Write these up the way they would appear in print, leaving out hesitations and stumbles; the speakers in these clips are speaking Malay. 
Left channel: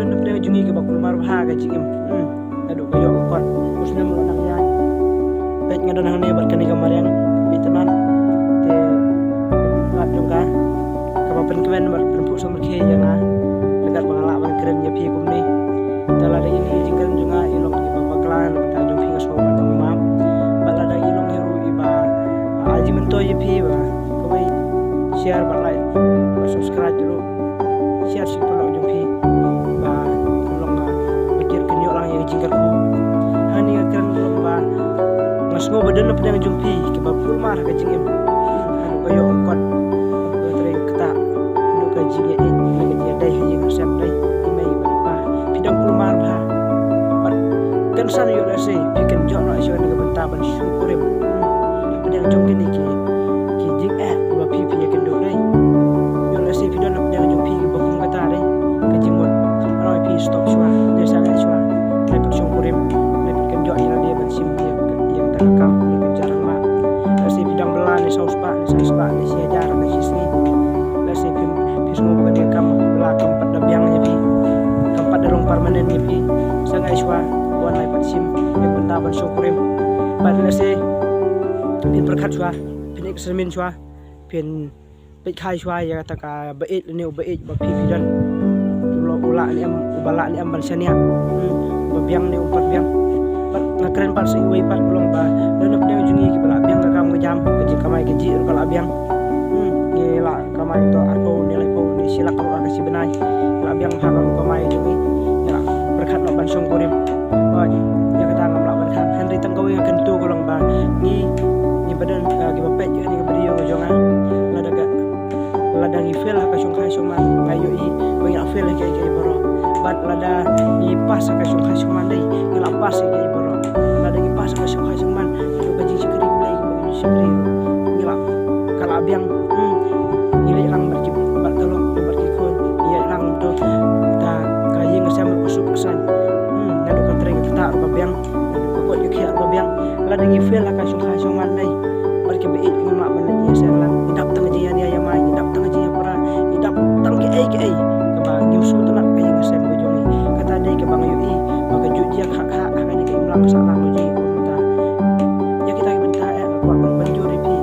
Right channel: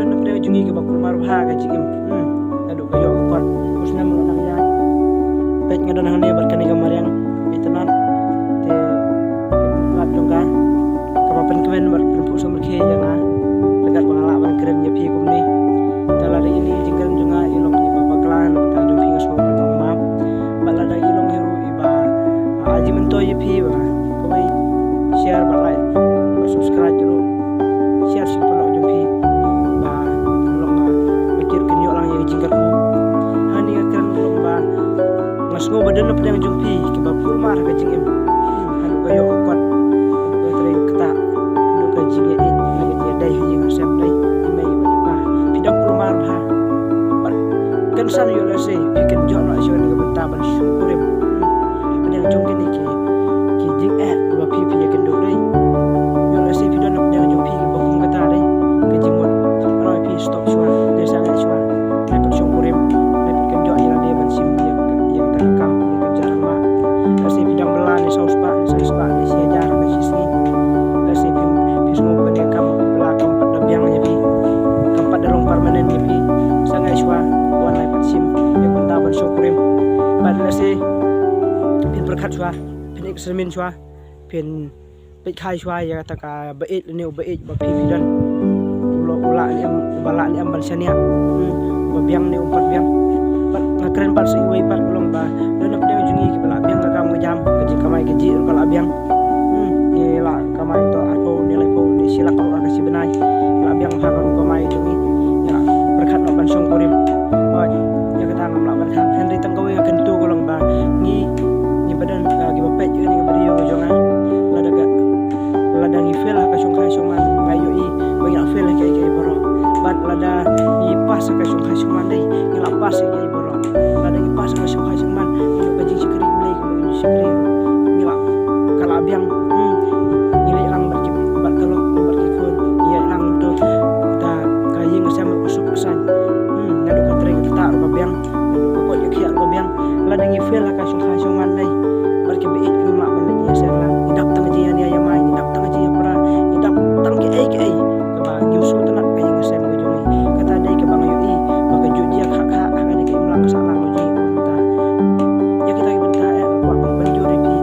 badan na jungi ke bakul marha ka jigim adu kayo kon usna mo nang yan pet nga dan hane barkan ka mariang itanan te lat jongka kapapen kemen bar perempu sumber ke yang dekat pengalaman keren ya pi kumni tala ini jingkan junga ilong iba baklan ta jung pingas ko batang mam balada ilong hiru iba aji mento ya pi ba kawai share ba like ba subscribe dulu share si pulak jung pi ba long mikir kenyo lang yang jingkar ku hani keren long ba ngasngo badan na pedang jung pi ke ba pul mar ka jing em anu kayo kon anu ka tre kata anu ka jing ya in lagi dia dai hang sam dai imei ba pa pidang pul mar ba kan san yo la se piken jo no iso ni ka benta ban syukurim pedang jung kini ki jing ba pi pi ya kendo dai yo la se pidang na pedang jung pi ke ba kum kata dai ka jingmot roi pi stop shwa de sangat shwa lai pat syukurim lai pat kan jo ira dia ban sim dia yang takam yang jarang ma lasi bidang belan ni saus pak ni sia jarang ni sini lasi pim pismo bukan dia kam bela kampat dabiang nya pi kampat dalong permanen nya pi sangai shwa wan lai pat sim yang benda ban syukurim ban lasi pin perkat shwa pin eksemin shwa pin pit khai shwa ya taka bait ni bait ba pi dan ula ni am bala ni am ban sania babiang ni umpat biang ngakren par sui wei par ulong ba dan apa dia jungi ke bala biang ka kam jam ke kamai ke ji kala biang ni la kamai to arpo nilai po ni silak ro ada si benai la biang ha kam kamai jungi ya berkat no ban song kurim ba ya kata ngam la berkat Henry tanggawi akan tu kolong ba ni badan ke bapet ni ke beriyo ke jonga lada ngi fel ka song khai song man bayu i banyak fel ke boro bat lada ni pas ka song khai song man dai ngila pas ke boro lada ngi pas ka song khai song man lo ka jing sikri blai ke bagi sikri ngila kala biang ngile lang berjib bat kalong bar ke kon ya lang do ta ka yeng asam usuk kesan ngado ka tre ka ta ro biang ngado ka ko ya ro biang lada ngi fel ka song khai song man dai bar ke beit ngila ban ni sa lang idap tang jian ya mai idap tang jian para idap tang ke ai ka ba ngim su tanak ka yeng asam ko jongi kata dai ke bang yu i maka jujia hak-hak ngani ke imlang salah loji unta ya kita benta wa ban banjuri pi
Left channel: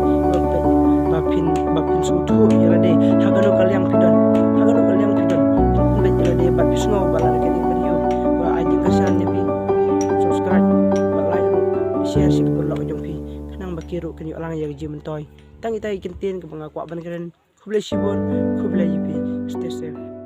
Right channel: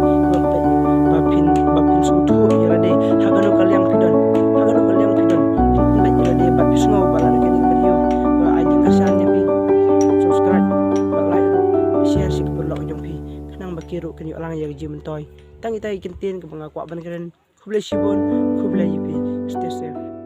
bapin sutu irade hagano kalyang pidon pin be irade bat pisngo bala ke ni video wa ajing kasannya pi subscribe ba like share si ke perlo jong pi kanang bakiru kenyo lang ya ji mentoy tangi tai kintin ke bangakwa ban keren kublai sibon kublai pi stay safe.